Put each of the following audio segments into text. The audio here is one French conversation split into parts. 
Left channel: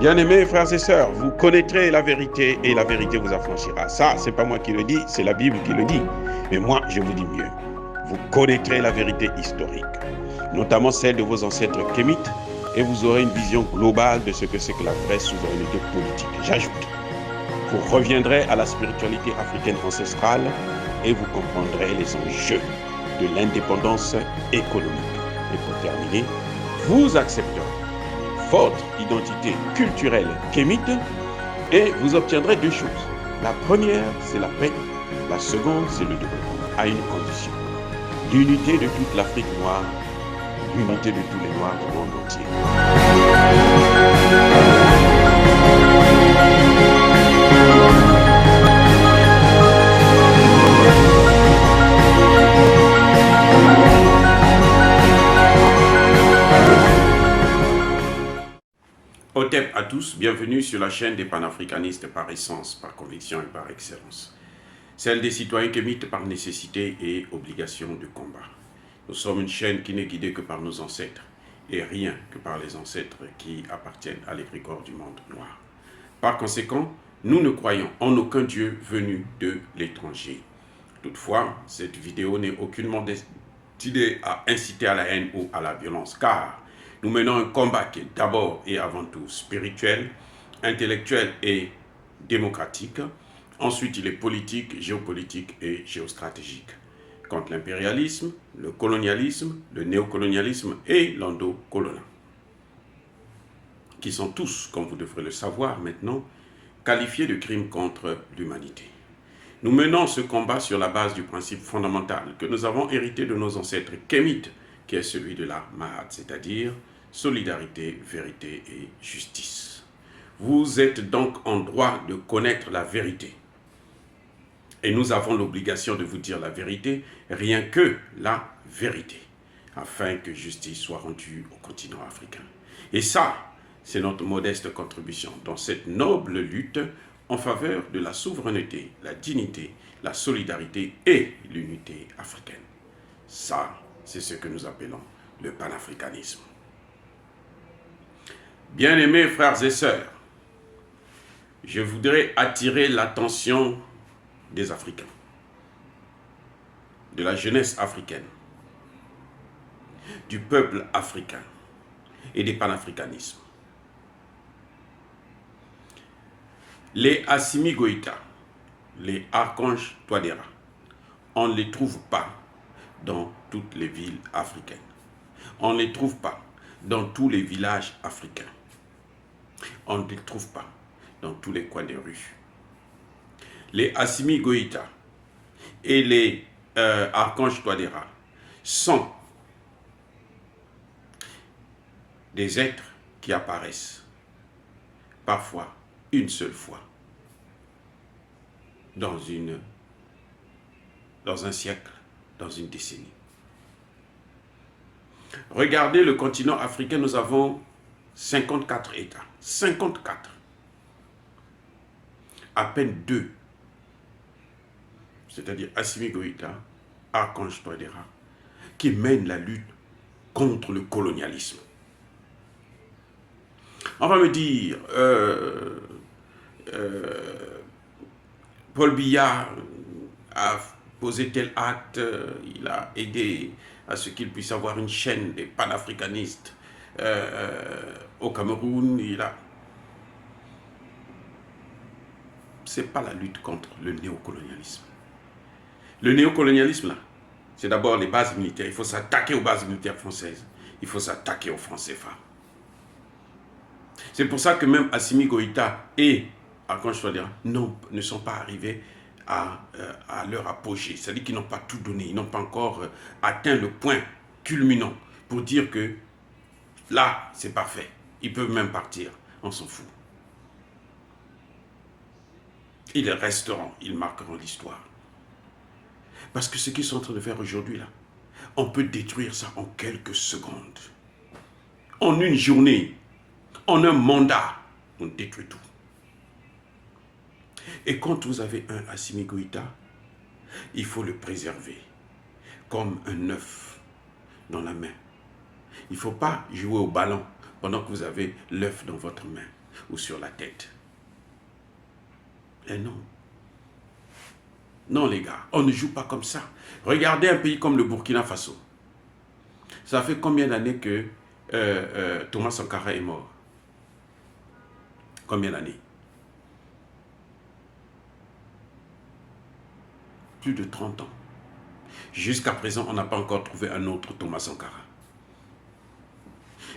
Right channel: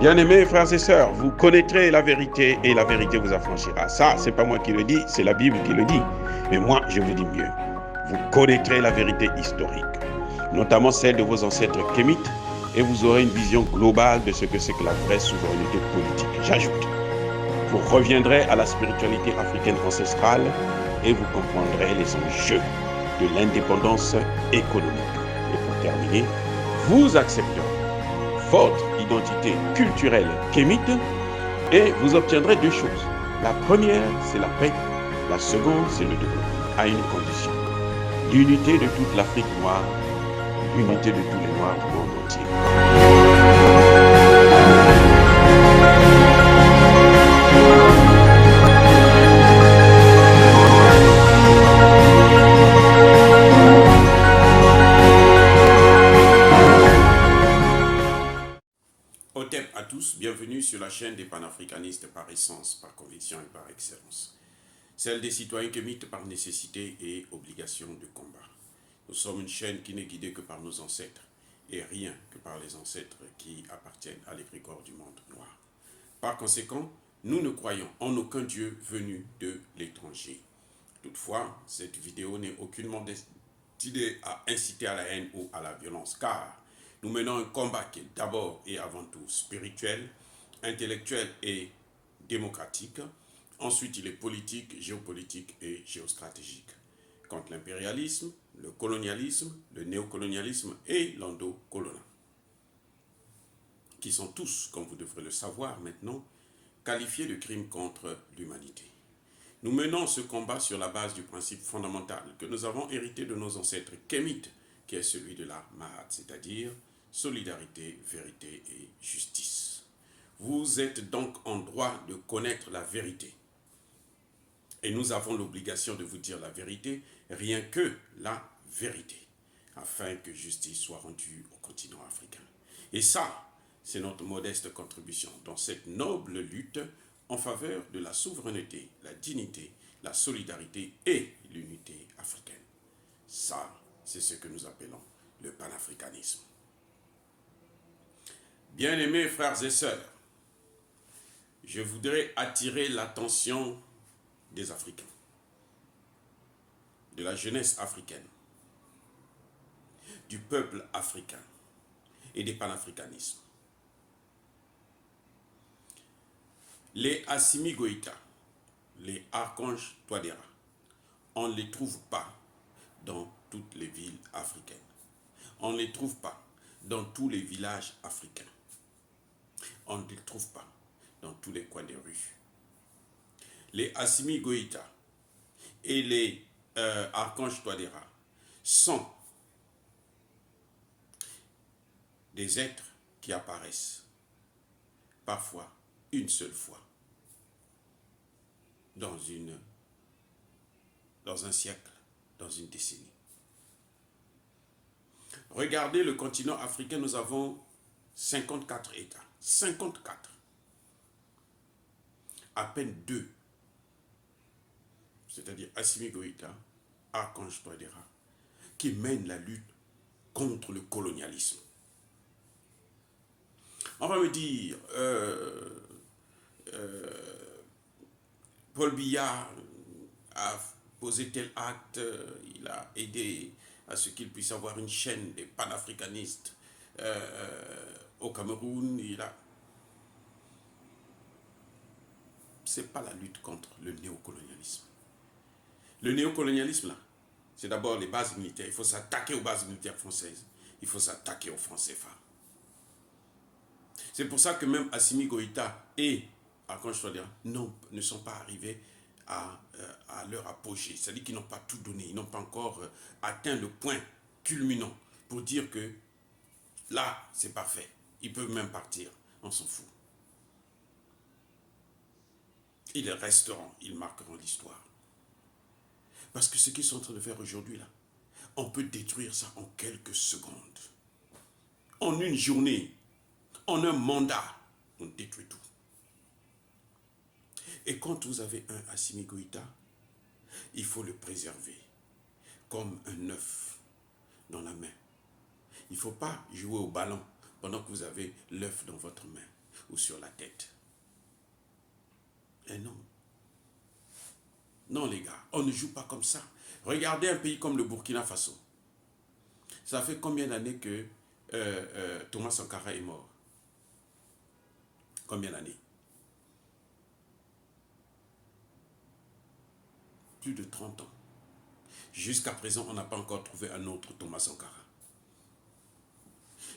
Bien-aimés frères et sœurs, vous connaîtrez la vérité et la vérité vous affranchira. Ça, c'est pas moi qui le dis, c'est la Bible qui le dit. Mais moi, je vous dis mieux. Vous connaîtrez la vérité historique, notamment celle de vos ancêtres kémites, et vous aurez une vision globale de ce que c'est que la vraie souveraineté politique. J'ajoute, vous reviendrez à la spiritualité africaine ancestrale et vous comprendrez les enjeux de l'indépendance économique. Et pour terminer, vous accepterez votre identité culturelle kémite et vous obtiendrez deux choses. La première, c'est la paix. La seconde, c'est le développement, à une condition. L'unité de toute l'Afrique noire, l'unité de tous les Noirs du monde entier. Otep à tous, bienvenue sur la chaîne des panafricanistes par essence, par conviction et par excellence. Celle des citoyens kémites par nécessité et obligation de combat. Nous sommes une chaîne qui n'est guidée que par nos ancêtres et rien que par les ancêtres qui appartiennent à l'égrégore du monde noir. Par conséquent, nous ne croyons en aucun Dieu venu de l'étranger. Toutefois, cette vidéo n'est aucunement destinée à inciter à la haine ou à la violence, car nous menons un combat qui est d'abord et avant tout spirituel, intellectuel et démocratique. Ensuite, il est politique, géopolitique et géostratégique. Contre l'impérialisme, le colonialisme, le néocolonialisme et l'endocolonial, qui sont tous, comme vous devrez le savoir maintenant, qualifiés de crimes contre l'humanité. Nous menons ce combat sur la base du principe fondamental que nous avons hérité de nos ancêtres kémites, qui est celui de la Mahat, c'est-à-dire solidarité, vérité et justice. Vous êtes donc en droit de connaître la vérité. Et nous avons l'obligation de vous dire la vérité, rien que la vérité, afin que justice soit rendue au continent africain. Et ça, c'est notre modeste contribution dans cette noble lutte en faveur de la souveraineté, la dignité, la solidarité et l'unité africaine. Ça, c'est ce que nous appelons le panafricanisme. Bien-aimés frères et sœurs, je voudrais attirer l'attention des Africains, de la jeunesse africaine, du peuple africain et des panafricanismes. Les Assimi Goïta, les archanges Touadéra, on ne les trouve pas dans toutes les villes africaines. On ne les trouve pas dans tous les villages africains. On ne les trouve pas dans tous les coins des rues. Les Assimi Goïta et les archanges Touadéra sont des êtres qui apparaissent parfois une seule fois dans un siècle, dans une décennie. Regardez le continent africain, nous avons 54 États. 54. À peine 2. C'est-à-dire Assimi Goïta, Archange Touadéra, qui mènent la lutte contre le colonialisme. On va me dire, Paul Biya a posé tel acte, il a aidé à ce qu'il puisse avoir une chaîne des panafricanistes au Cameroun. C'est pas la lutte contre le néocolonialisme. Le néocolonialisme, là, c'est d'abord les bases militaires. Il faut s'attaquer aux bases militaires françaises. Il faut s'attaquer aux francs CFA. C'est pour ça que même Assimi Goïta et Archange Touadéra ne sont pas arrivés à leur apogée. C'est-à-dire qu'ils n'ont pas tout donné. Ils n'ont pas encore atteint le point culminant pour dire que là, c'est parfait. Ils peuvent même partir. On s'en fout. Ils resteront. Ils marqueront l'histoire. Parce que ce qu'ils sont en train de faire aujourd'hui, là, on peut détruire ça en quelques secondes. En une journée, en un mandat, on détruit tout. Et quand vous avez un Assimi Goïta, il faut le préserver comme un œuf dans la main. Il ne faut pas jouer au ballon pendant que vous avez l'œuf dans votre main. ou sur la tête. Et non. Non les gars, on ne joue pas comme ça. Regardez un pays comme le Burkina Faso. Ça fait combien d'années que Thomas Sankara est mort? Combien d'années? Plus de 30 ans. Jusqu'à présent, on n'a pas encore trouvé un autre Thomas Sankara.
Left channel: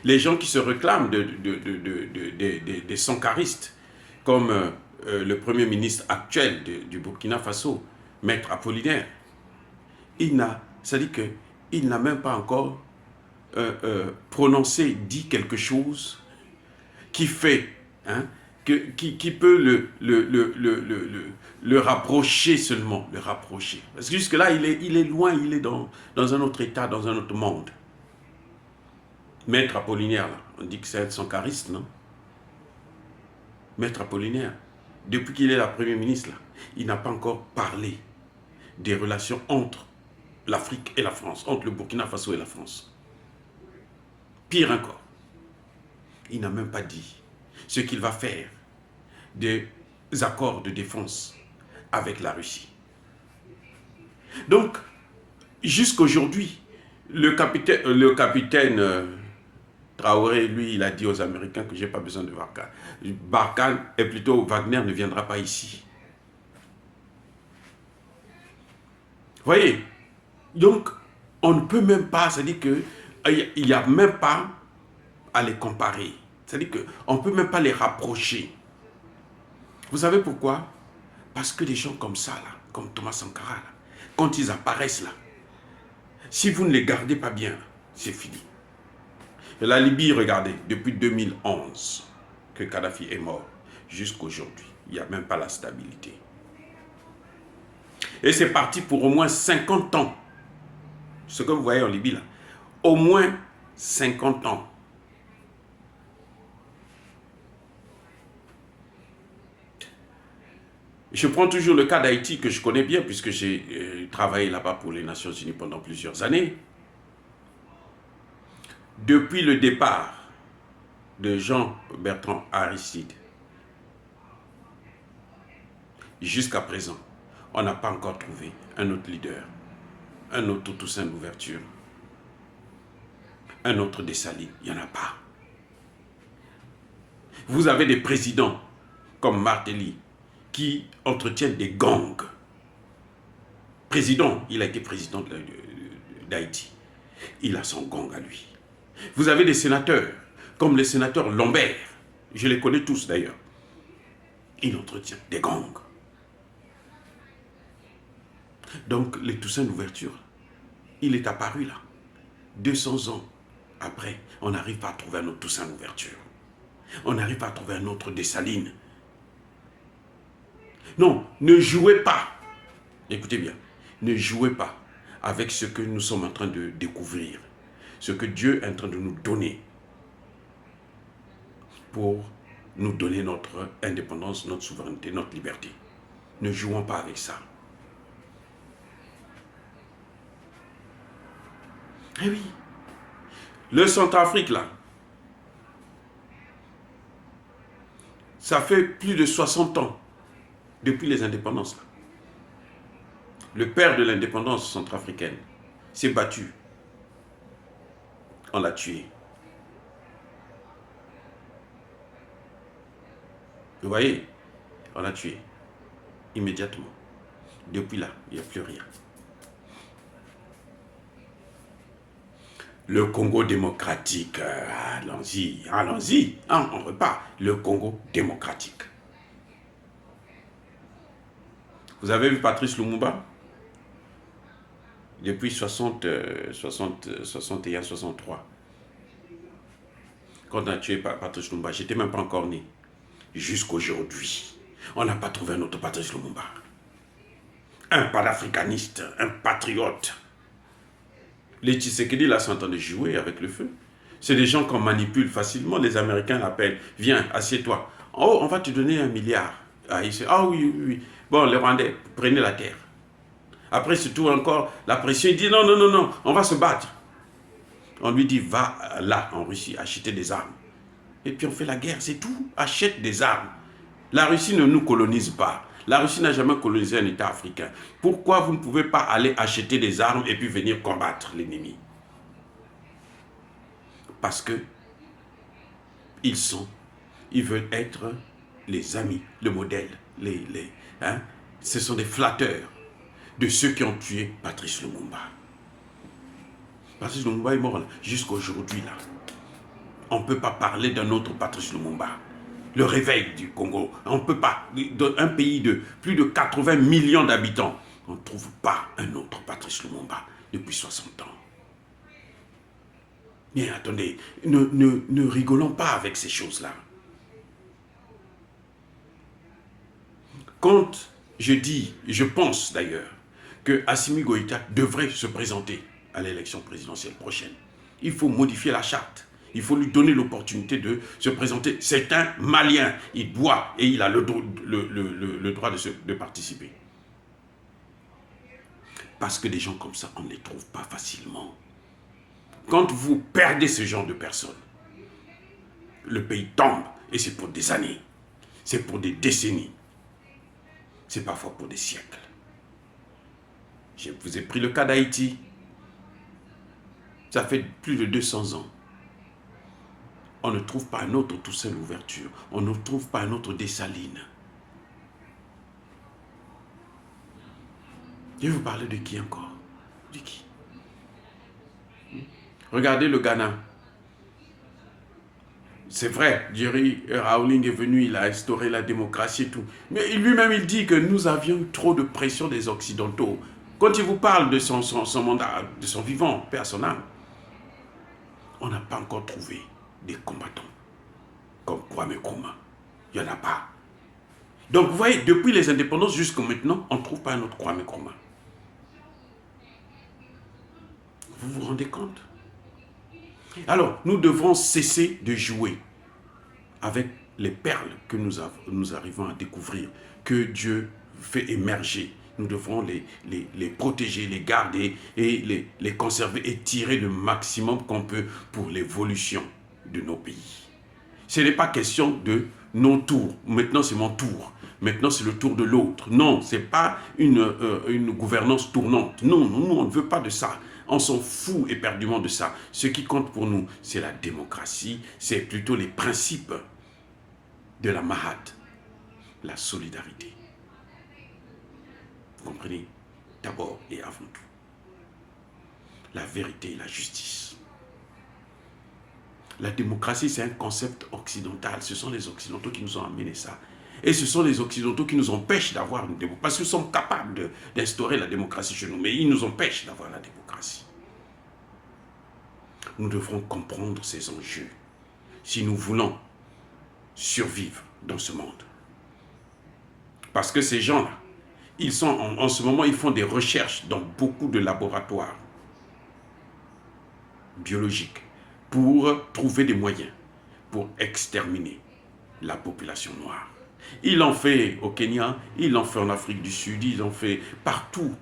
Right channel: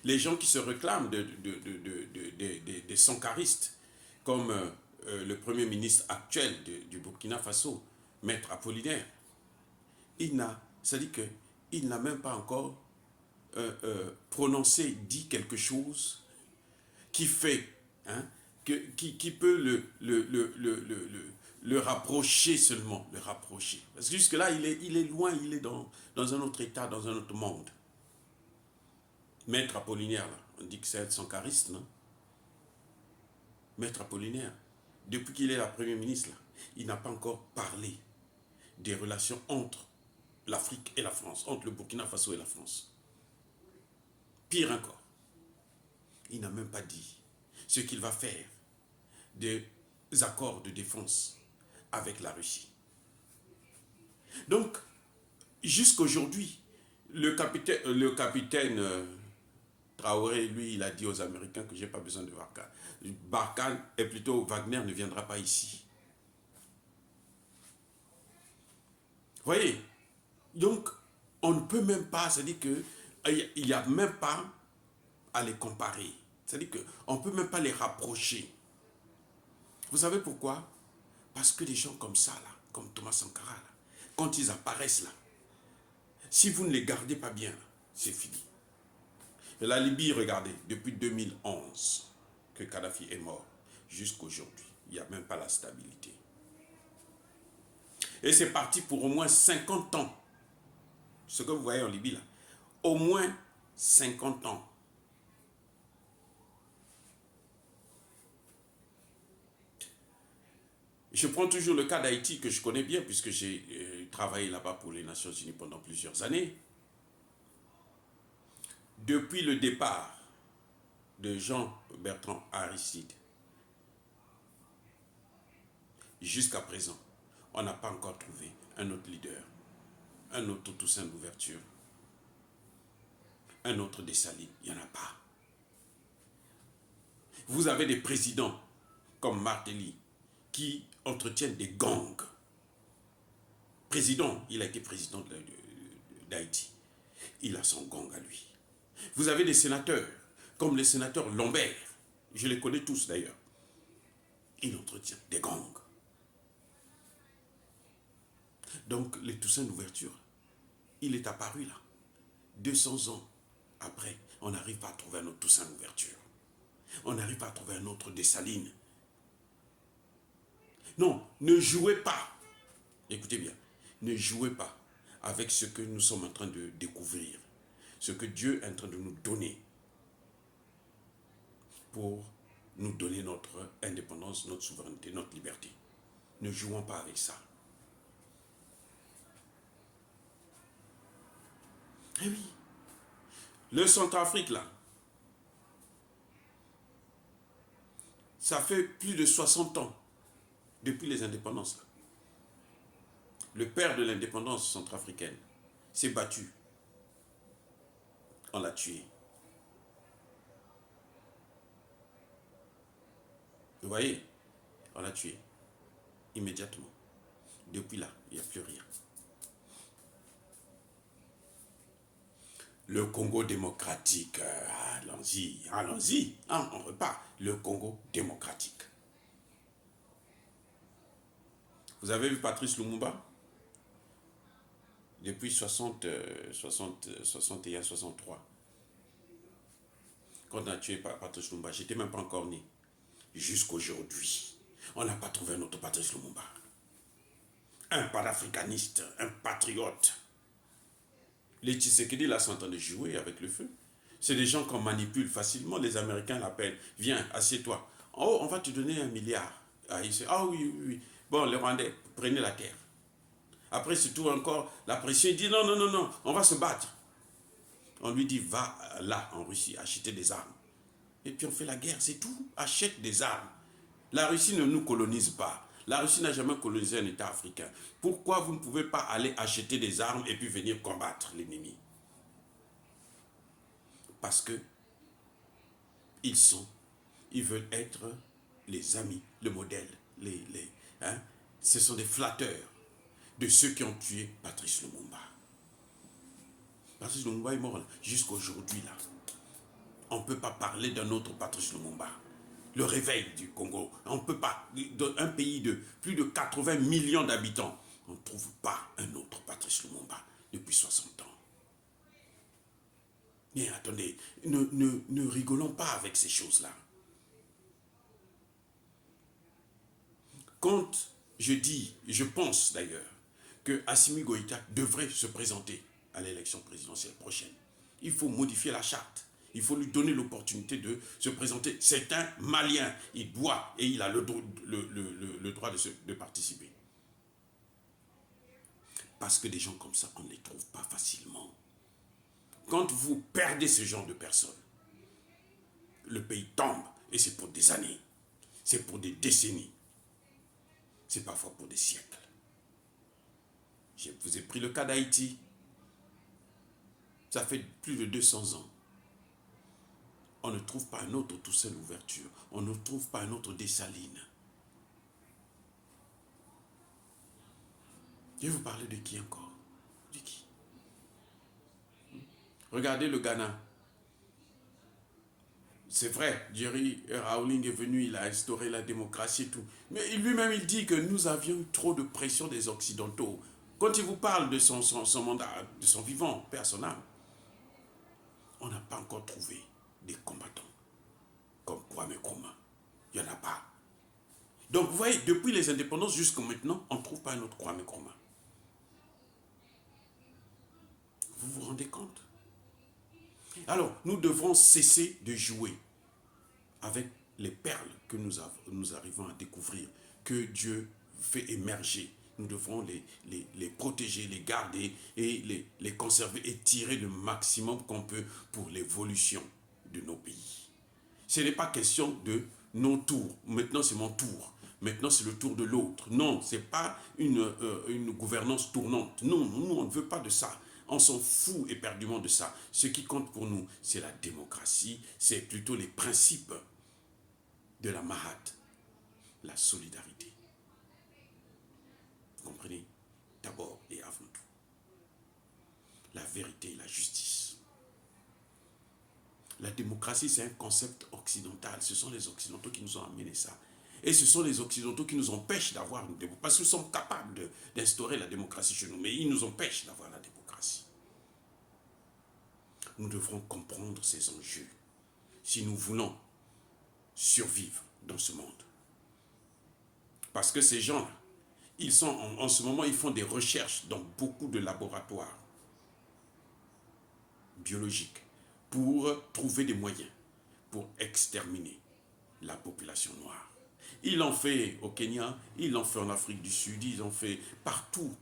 Les gens qui se réclament des sankaristes, comme le premier ministre actuel du Burkina Faso, Maître Apollinaire, c'est-à-dire qu'il n'a même pas encore prononcé, dit quelque chose qui fait, hein, qui peut le rapprocher seulement, le rapprocher. Parce que jusque-là, il est loin, il est dans un autre état, dans un autre monde. Maître Apollinaire, là, on dit que c'est un sankariste, non? Maître Apollinaire, depuis qu'il est la Premier ministre, là, il n'a pas encore parlé des relations entre l'Afrique et la France, entre le Burkina Faso et la France. Pire encore, il n'a même pas dit ce qu'il va faire des accords de défense avec la Russie. Donc, jusqu'aujourd'hui, le capitaine Traoré, lui, il a dit aux Américains que je n'ai pas besoin de Barkhane. Barkhane, et plutôt Wagner ne viendra pas ici. Vous voyez? Donc, on ne peut même pas, c'est-à-dire qu'il n'y a même pas à les comparer. C'est-à-dire qu'on ne peut même pas les rapprocher. Vous savez pourquoi? Parce que des gens comme ça, là, comme Thomas Sankara, là, quand ils apparaissent là, si vous ne les gardez pas bien, c'est fini. Et la Libye, regardez, depuis 2011 que Kadhafi est mort, jusqu'à aujourd'hui, il n'y a même pas la stabilité. Et c'est parti pour au moins 50 ans. Ce que vous voyez en Libye là, au moins 50 ans. Je prends toujours le cas d'Haïti que je connais bien puisque j'ai travaillé là-bas pour les Nations Unies pendant plusieurs années. Depuis le départ de Jean-Bertrand Aristide jusqu'à présent, on n'a pas encore trouvé un autre leader, un autre Toussaint Louverture, un autre Dessalines, il n'y en a pas. Vous avez des présidents comme Martelly qui entretiennent des gangs. Président, il a été président d'Haïti. Il a son gang à lui. Vous avez des sénateurs, comme le sénateur Lambert. Je les connais tous d'ailleurs. Il entretient des gangs. Donc, les Toussaint Louverture, il est apparu là. 200 ans après, on n'arrive pas à trouver un autre Toussaint Louverture. On n'arrive pas à trouver un autre Dessalines. Non, ne jouez pas. Écoutez bien, ne jouez pas avec ce que nous sommes en train de découvrir, ce que Dieu est en train de nous donner pour nous donner notre indépendance, notre souveraineté, notre liberté. Ne jouons pas avec ça. Eh oui, le Centrafrique là, ça fait plus de 60 ans depuis les indépendances là. Le père de l'indépendance centrafricaine s'est battu. On l'a tué. Vous voyez, on l'a tué immédiatement. Depuis là, il n'y a plus rien. Le Congo démocratique, allons-y, allons-y, on repart. Le Congo démocratique. Vous avez vu Patrice Lumumba? Depuis 61, 63. Quand on a tué Patrice Lumumba, je n'étais même pas encore né. Jusqu'aujourd'hui, on n'a pas trouvé un autre Patrice Lumumba. Un panafricaniste, un patriote. Les Tshisekedi là sont en train de jouer avec le feu. C'est des gens qu'on manipule facilement. Les Américains l'appellent. Viens, assieds-toi. Oh, on va te donner 1 milliard. Ah, oui, oui, oui. Bon, les Rwandais, prenez la terre. Après, surtout encore, la pression, il dit non, non, non, non, on va se battre. On lui dit, va là, en Russie, acheter des armes. et puis on fait la guerre, c'est tout. Achète des armes. La Russie ne nous colonise pas. La Russie n'a jamais colonisé un État africain. Pourquoi vous ne pouvez pas aller acheter des armes et puis venir combattre l'ennemi? Parce que ils veulent être les amis, le modèle, ce sont des flatteurs de ceux qui ont tué Patrice Lumumba. Patrice Lumumba est mort jusqu'à aujourd'hui là. On ne peut pas parler d'un autre Patrice Lumumba. Le réveil du Congo, on ne peut pas, dans un pays de plus de 80 millions d'habitants, on ne trouve pas un autre Patrice Lumumba depuis 60 ans. Mais attendez, ne rigolons pas avec ces choses-là. Quand je dis, je pense d'ailleurs, que Assimi Goïta devrait se présenter à l'élection présidentielle prochaine, il faut modifier la charte. Il faut lui donner l'opportunité de se présenter. C'est un Malien. Il doit et il a le droit de participer. Parce que des gens comme ça, on ne les trouve pas facilement. Quand vous perdez ce genre de personnes, le pays tombe. Et c'est pour des années. C'est pour des décennies. C'est parfois pour des siècles. Je vous ai pris le cas d'Haïti. Ça fait plus de 200 ans. On ne trouve pas un autre Toussaint Louverture. On ne trouve pas un autre Dessalines. Je vais vous parler de qui encore? De qui? Regardez le Ghana. C'est vrai, Jerry Rawlings est venu, il a instauré la démocratie et tout. Mais lui-même, il dit que nous avions eu trop de pression des Occidentaux. Quand il vous parle de son mandat, de son vivant, paix son âme, on n'a pas encore trouvé des combattants comme Kwame Nkrumah. Il n'y en a pas. Donc, vous voyez, depuis les indépendances jusqu'à maintenant, on ne trouve pas un autre Kwame Nkrumah. Vous vous rendez compte? Alors, nous devrons cesser de jouer avec les perles que nous arrivons à découvrir, que Dieu fait émerger. Nous devrons les protéger, les garder et les conserver et tirer le maximum qu'on peut pour l'évolution de nos pays. Ce n'est pas question de non tour. Maintenant, c'est mon tour. Maintenant, c'est le tour de l'autre. Non, ce n'est pas une gouvernance tournante. Non, nous, on ne veut pas de ça. On s'en fout éperdument de ça. Ce qui compte pour nous, c'est la démocratie, c'est plutôt les principes de la Mahat, la solidarité. Vous comprenez? D'abord et avant tout. La vérité et la justice. La démocratie, c'est un concept occidental. Ce sont les Occidentaux qui nous ont amené ça. Et ce sont les Occidentaux qui nous empêchent d'avoir une démocratie. Parce qu'ils sont capables d'instaurer la démocratie chez nous, mais ils nous empêchent d'avoir la démocratie. Nous devrons comprendre ces enjeux si nous voulons survivre dans ce monde. Parce que ces gens-là, ils sont en ce moment, ils font des recherches dans beaucoup de laboratoires biologiques pour trouver des moyens pour exterminer la population noire. Ils l'ont fait au Kenya, ils l'ont fait en Afrique du Sud, ils l'ont fait partout.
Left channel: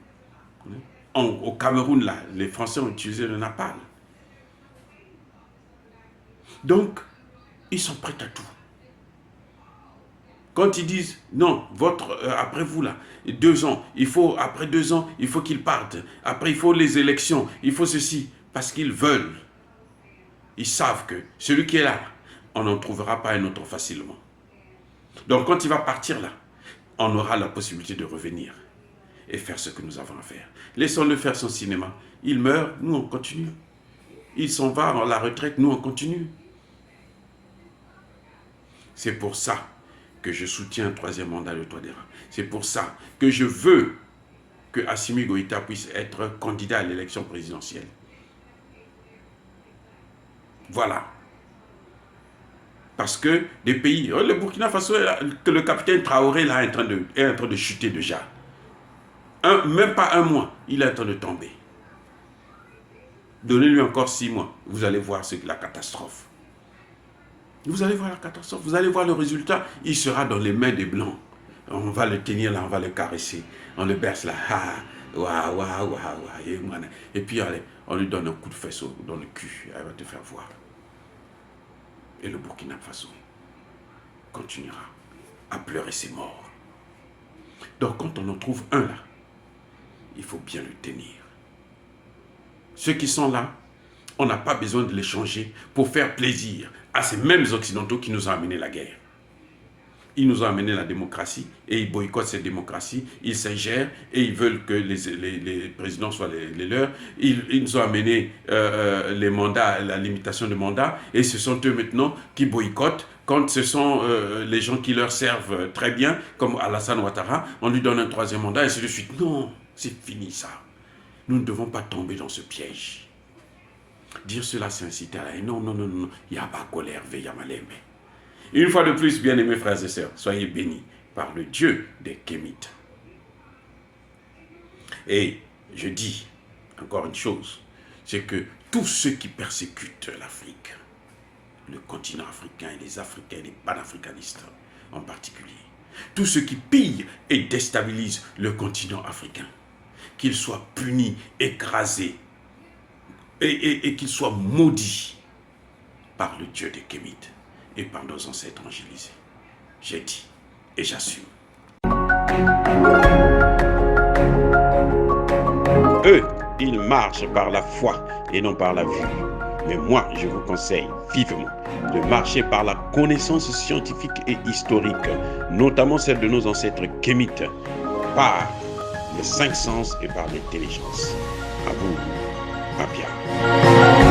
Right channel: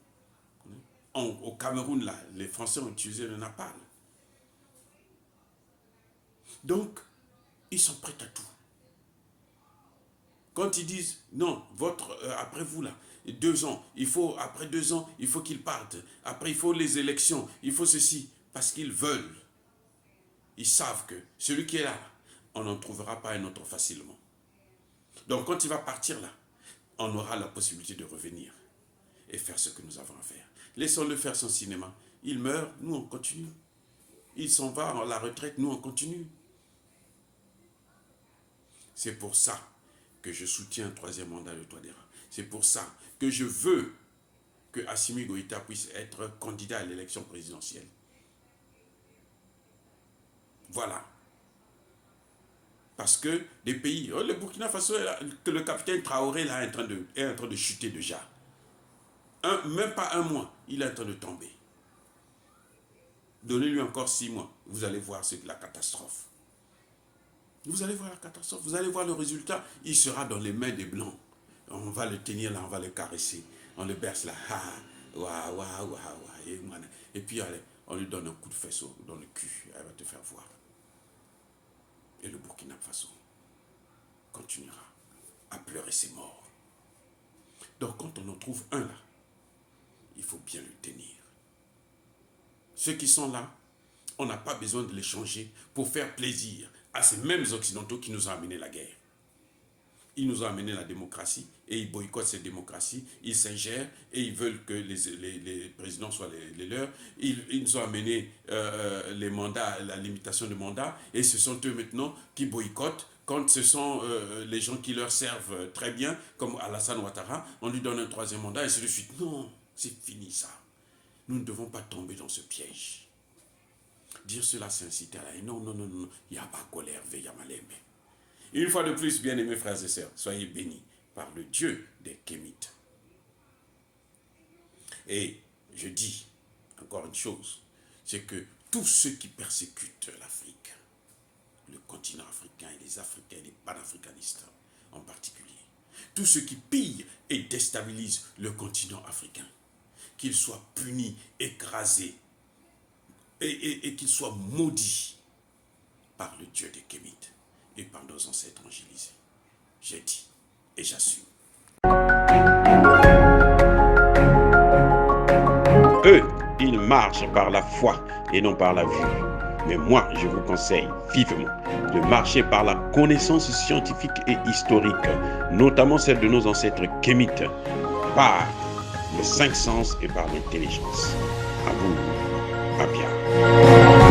Au Cameroun, là, les Français ont utilisé le napalm. Donc, ils sont prêts à tout. Quand ils disent, non, après vous là, 2 ans, après 2 ans, il faut qu'ils partent. Après, il faut les élections, il faut ceci. Parce qu'ils veulent. Ils savent que celui qui est là, on n'en trouvera pas un autre facilement. Donc, quand il va partir là, on aura la possibilité de revenir et faire ce que nous avons à faire. Laissons-le faire son cinéma. Il meurt, nous on continue. Il s'en va à la retraite, nous on continue. C'est pour ça que je soutiens un 3e mandat de Touadéra. C'est pour ça que je veux que Assimi Goïta puisse être candidat à l'élection présidentielle. Voilà. Parce que des pays, le Burkina Faso, que le capitaine Traoré là, est en train de chuter déjà. Même pas 1 mois, il est en train de tomber. Donnez-lui encore 6 mois, vous allez voir la catastrophe. Vous allez voir la catastrophe, vous allez voir le résultat, il sera dans les mains des Blancs. On va le tenir là, on va le caresser, on le berce là, et puis allez, on lui donne un coup de fesse dans le cul, elle va te faire voir. Et le Burkina Faso continuera à pleurer ses morts. Donc quand on en trouve un là, il faut bien le tenir. Ceux qui sont là, on n'a pas besoin de les changer pour faire plaisir à ces mêmes Occidentaux qui nous ont amené la guerre. Ils nous ont amené la démocratie et ils boycottent cette démocratie, ils s'ingèrent et ils veulent que les présidents soient les leurs. Ils nous ont amené les mandats, la limitation de mandats, et ce sont eux maintenant qui boycottent. Quand ce sont les gens qui leur servent très bien, comme Alassane Ouattara, on lui donne un troisième mandat et ainsi de suite. Non, c'est fini ça. Nous ne devons pas tomber dans ce piège. Dire cela, c'est inciter à la haine. Non, non, non, non. Il n'y a pas colère, il y a malembe. Une fois de plus, bien-aimés frères et sœurs, soyez bénis par le Dieu des Kémites. Et je dis encore une chose, c'est que tous ceux qui persécutent l'Afrique, le continent africain et les Africains et les panafricanistes en particulier, tous ceux qui pillent et déstabilisent le continent africain, qu'ils soient punis, écrasés et qu'ils soient maudits par le Dieu des Kémites et par nos ancêtres angélisés. J'ai dit et j'assume. Eux, ils marchent par la foi et non par la vue. Mais moi, je vous conseille vivement de marcher par la connaissance scientifique et historique, notamment celle de nos ancêtres kémites, par les cinq sens et par l'intelligence. À vous, Mapia.